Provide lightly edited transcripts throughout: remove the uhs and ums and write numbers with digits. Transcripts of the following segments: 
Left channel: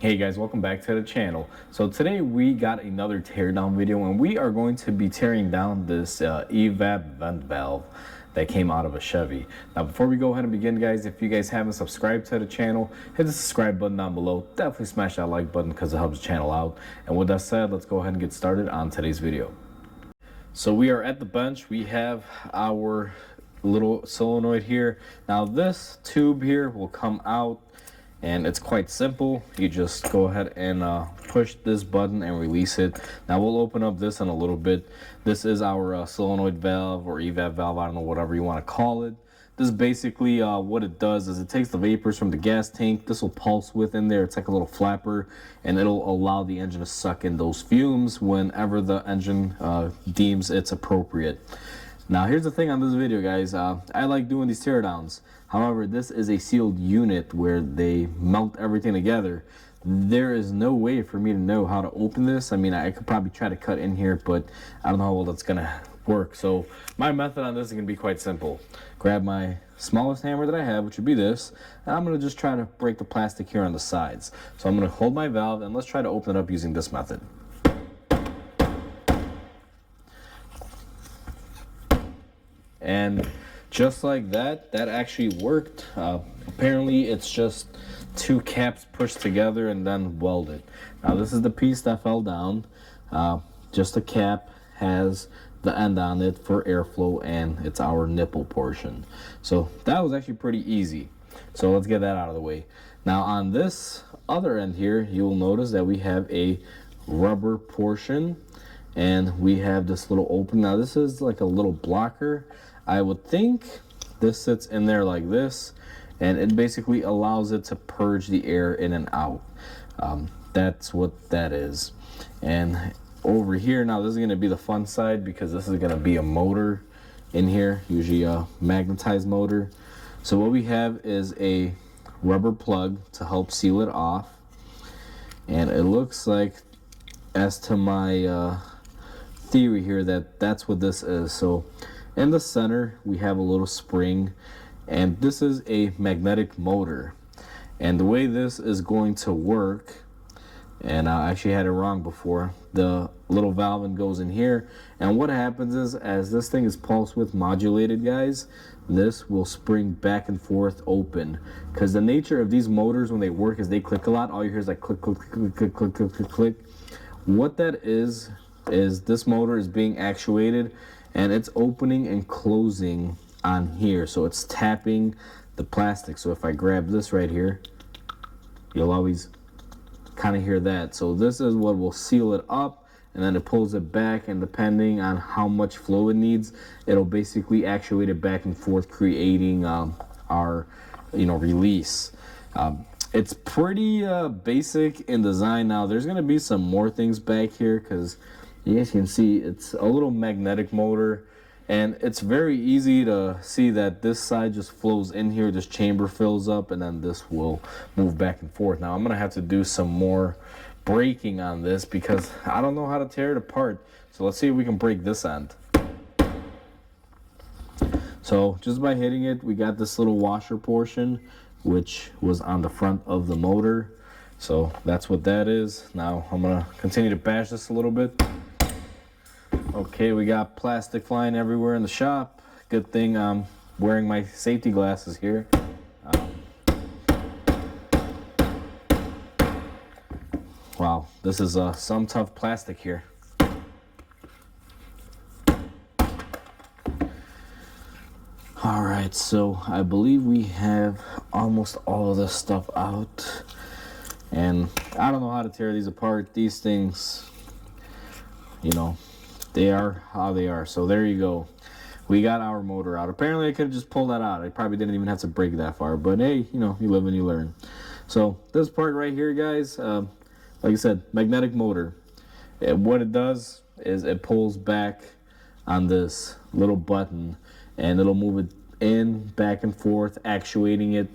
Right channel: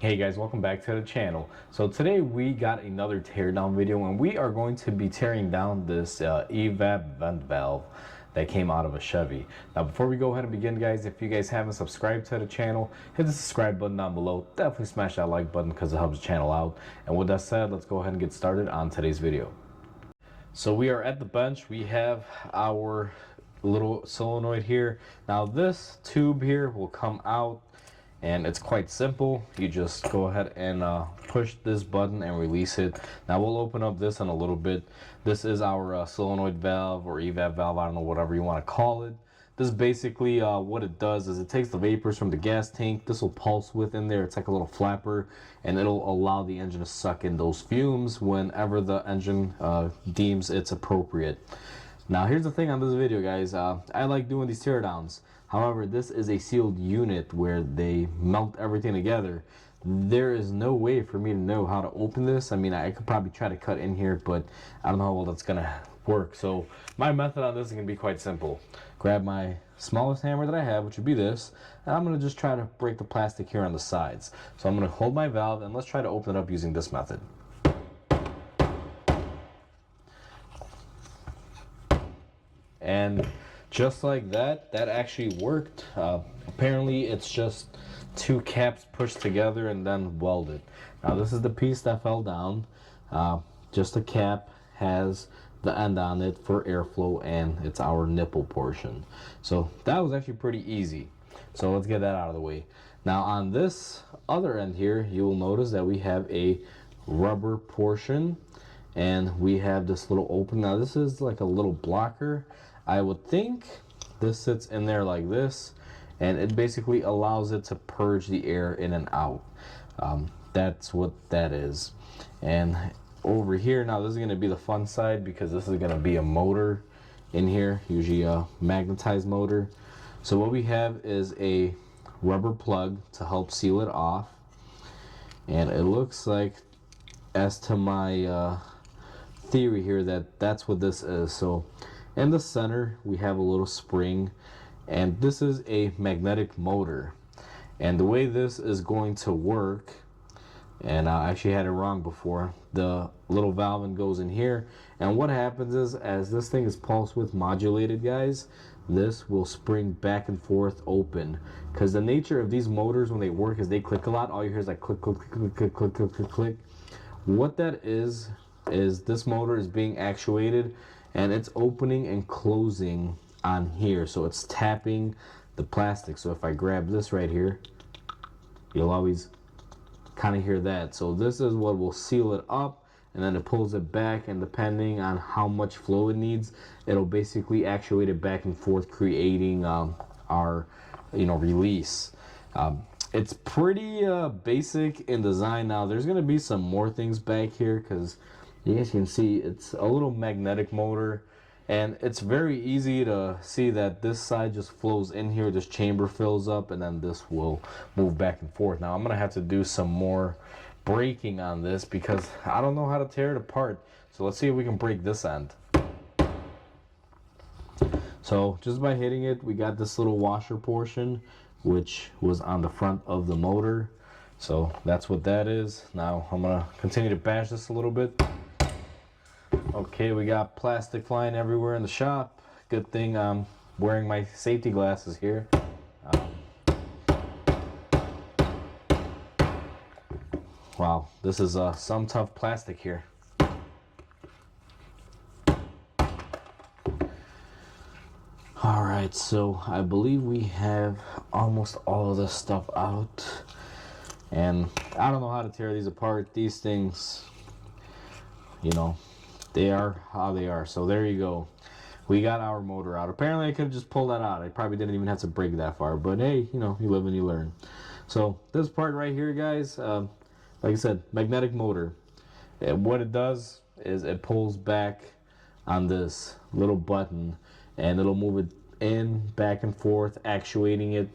Hey guys, welcome back to the channel. So today we got another teardown video, and we are going to be tearing down this evap vent valve that came out of a Chevy. Now before we go ahead and begin, guys, if you guys haven't subscribed to the channel, hit the subscribe button down below. Definitely smash that like button because it helps the channel out. And with that said, let's go ahead and get started on today's video. So we are at the bench. We have our little solenoid here. Now this tube here will come out, and it's quite simple. You just go ahead and push this button and release it. Now we'll open up this in a little bit. This is our solenoid valve or evap valve, I don't know, whatever you want to call it. This is basically what it does is it takes the vapors from the gas tank. This will pulse with in there. It's like a little flapper, and it'll allow the engine to suck in those fumes whenever the engine deems it's appropriate. Now here's the thing on this video, guys. I like doing these teardowns. However, this is a sealed unit where they melt everything together. There is no way for me to know how to open this. I mean, I could probably try to cut in here, but I don't know how well that's gonna work. So my method on this is gonna be quite simple. Grab my smallest hammer that I have, which would be this, and I'm gonna just try to break the plastic here on the sides. So I'm gonna hold my valve and let's try to open it up using this method. And just like that, that actually worked. Apparently it's just two caps pushed together and then welded. Now this is the piece that fell down. Just a cap has the end on it for airflow, and it's our nipple portion. So that was actually pretty easy. So let's get that out of the way. Now on this other end here, you will notice that we have a rubber portion, and we have this little opening. Now this is like a little blocker. I would think this sits in there like this, and it basically allows it to purge the air in and out. That's what that is. And over here, now this is going to be the fun side, because this is going to be a motor in here, usually a magnetized motor. So what we have is a rubber plug to help seal it off, and it looks like, as to my theory here, that that's what this is. So in the center we have a little spring, and this is a magnetic motor. And the way this is going to work, and I actually had it wrong before, the little valve goes in here, and what happens is, as this thing is pulse width modulated, guys, this will spring back and forth open, because the nature of these motors when they work is they click a lot. All you hear is like click click click click click click click click. What that is this motor is being actuated, and it's opening and closing on here, so it's tapping the plastic. So if I grab this right here, you'll always kind of hear that. So this is what will seal it up, and then it pulls it back, and depending on how much flow it needs, it'll basically actuate it back and forth, creating our release. It's pretty basic in design. Now there's gonna be some more things back here, because you guys can see it's a little magnetic motor, and it's very easy to see that this side just flows in here, this chamber fills up, and then this will move back and forth. Now I'm gonna have to do some more breaking on this because I don't know how to tear it apart. So let's see if we can break this end. So just by hitting it, we got this little washer portion, which was on the front of the motor. So that's what that is. Now I'm gonna continue to bash this a little bit. Okay, we got plastic flying everywhere in the shop. Good thing I'm wearing my safety glasses here. Wow, this is some tough plastic here. Alright, so I believe we have almost all of this stuff out. And I don't know how to tear these apart. These things, they are how they are. So there you go. We got our motor out. Apparently I could have just pulled that out. I probably didn't even have to break that far. But hey, you live and you learn. So this part right here, guys, like I said, magnetic motor. What it does is it pulls back on this little button, and it'll move it in, back and forth, actuating it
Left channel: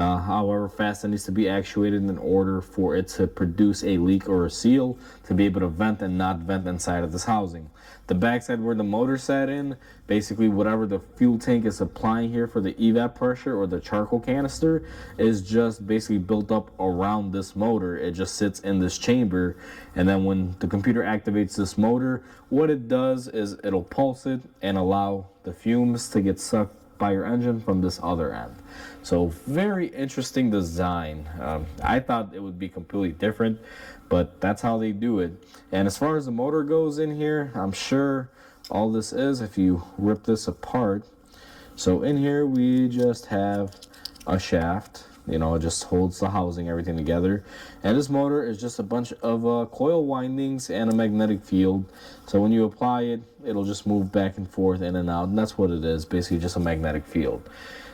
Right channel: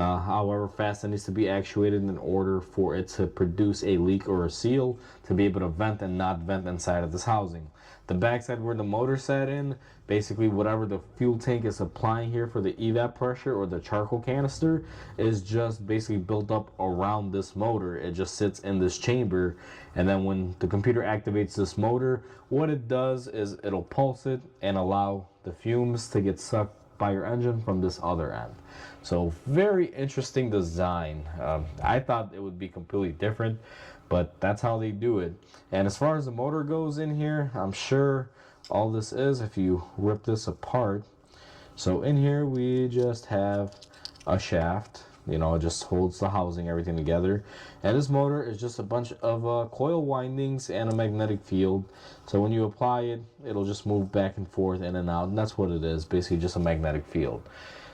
however fast it needs to be actuated in order for it to produce a leak or a seal to be able to vent and not vent inside of this housing. The backside where the motor sat in, basically whatever the fuel tank is supplying here for the evap pressure or the charcoal canister is just basically built up around this motor. It just sits in this chamber, and then when the computer activates this motor, what it does is it'll pulse it and allow the fumes to get sucked by your engine from this other end. So very interesting design. I thought it would be completely different, but that's how they do it. And as far as the motor goes in here, I'm sure all this is, if you rip this apart, so in here we just have a shaft, you know, it just holds the housing, everything together. And this motor is just a bunch of coil windings and a magnetic field. So when you apply it, it'll just move back and forth, in and out, and that's what it is, basically just a magnetic field.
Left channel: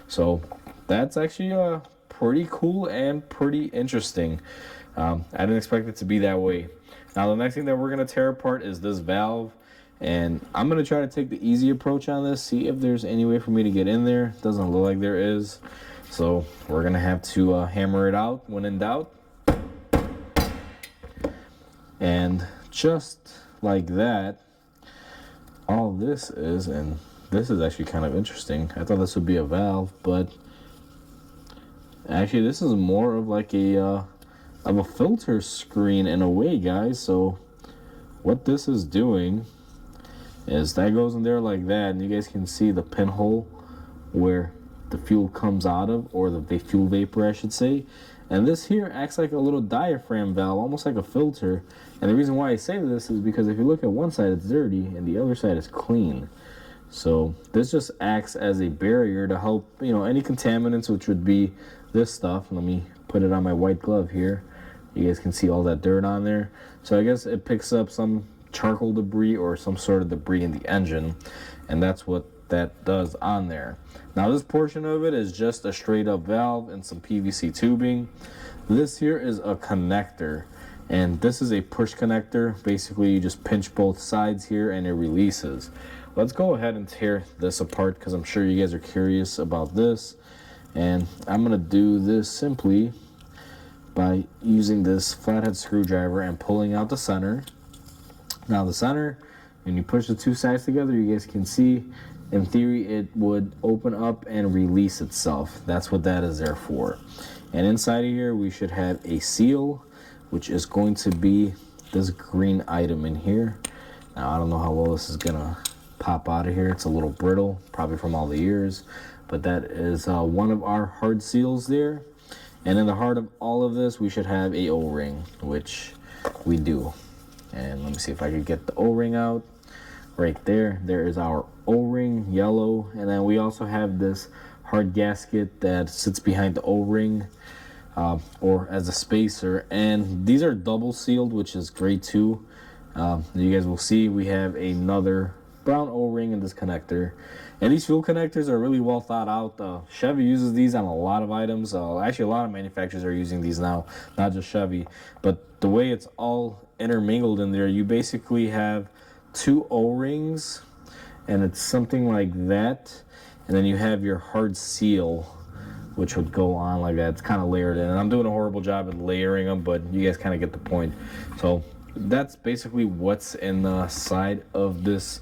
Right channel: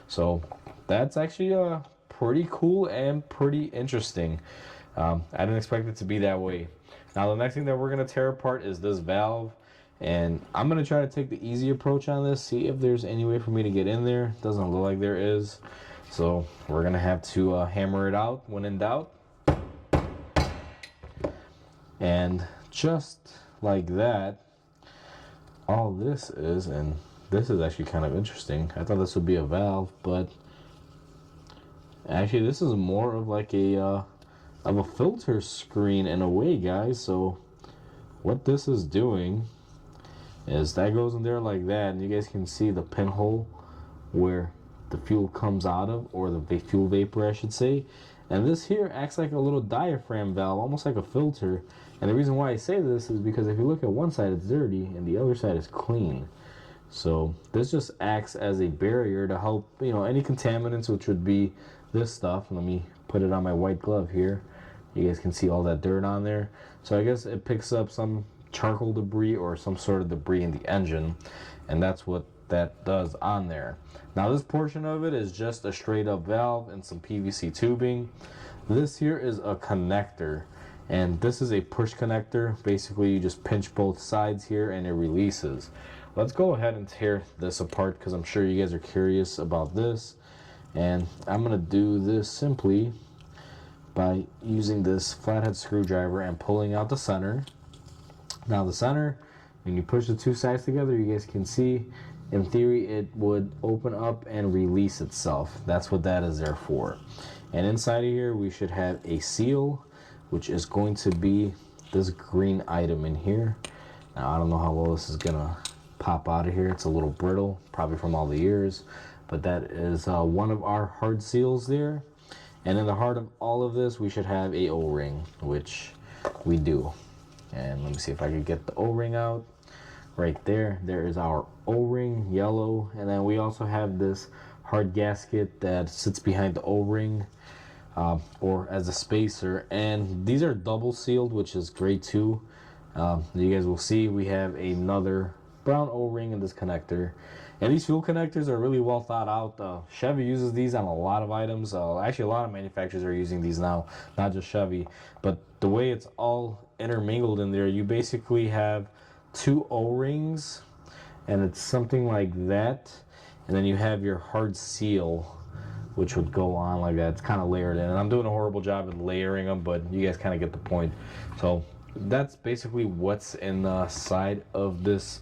So that's actually pretty cool and pretty interesting. I didn't expect it to be that way. Now the next thing that we're going to tear apart is this valve. And I'm going to try to take the easy approach on this, see if there's any way for me to get in there. Doesn't look like there is. So we're going to have to hammer it out when in doubt. And just like that, all this is, and this is actually kind of interesting. I thought this would be a valve, but actually this is more of like a filter screen in a way, guys. So what this is doing is that goes in there like that, and you guys can see the pinhole where the fuel comes out of, or the fuel vapor I should say. And this here acts like a little diaphragm valve, almost like a filter. And the reason why I say this is because if you look at one side it's dirty and the other side is clean. So this just acts as a barrier to help, you know, any contaminants, which would be this stuff. Let me put it on my white glove here. You guys can see all that dirt on there. So I guess it picks up some charcoal debris or some sort of debris in the engine, and that's what that does on there. Now this portion of it is just a straight up valve and some PVC tubing. This here is a connector, and this is a push connector. Basically you just pinch both sides here and it releases. Let's go ahead and tear this apart because I'm sure you guys are curious about this, and I'm gonna do this simply by using this flathead screwdriver and pulling out the center. Now the center, when you push the two sides together, you guys can see, in theory, it would open up and release itself. That's what that is there for. And inside of here, we should have a seal, which is going to be this green item in here. Now I don't know how well this is gonna pop out of here. It's a little brittle, probably from all the years, but that is one of our hard seals there. And in the heart of all of this, we should have a O-ring, which we do. And let me see if I can get the O-ring out. Right there, there is our O-ring, yellow. And then we also have this hard gasket that sits behind the O-ring, or as a spacer. And these are double sealed, which is great too. You guys will see we have another brown O-ring in this connector. And these fuel connectors are really well thought out. Chevy uses these on a lot of items. Actually, a lot of manufacturers are using these now, not just Chevy. But the way it's all intermingled in there, you basically have two O-rings, and it's something like that. And then you have your hard seal, which would go on like that. It's kind of layered in. And I'm doing a horrible job at layering them, but you guys kind of get the point. So that's basically what's in the side of this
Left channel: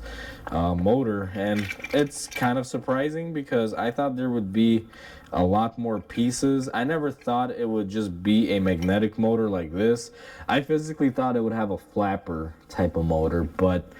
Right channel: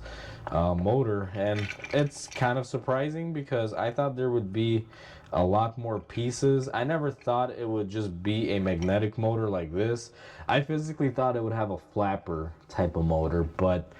motor, and it's kind of surprising because I thought there would be a lot more pieces. I never thought it would just be a magnetic motor like this. I physically thought it would have a flapper type of motor, but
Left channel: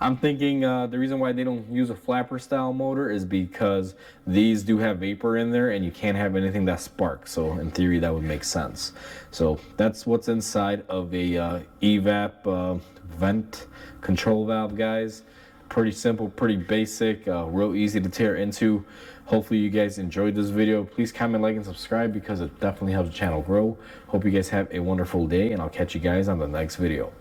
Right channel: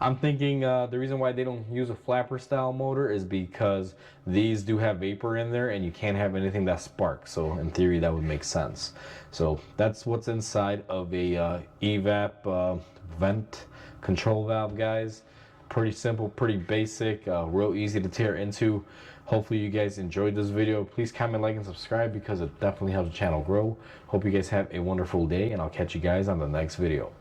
I'm thinking the reason why they don't use a flapper style motor is because these do have vapor in there and you can't have anything that sparks. So in theory that would make sense. So that's what's inside of a evap vent control valve, guys. Pretty simple, pretty basic, real easy to tear into. Hopefully you guys enjoyed this video. Please comment, like, and subscribe because it definitely helps the channel grow. Hope you guys have a wonderful day, and I'll catch you guys on the next video.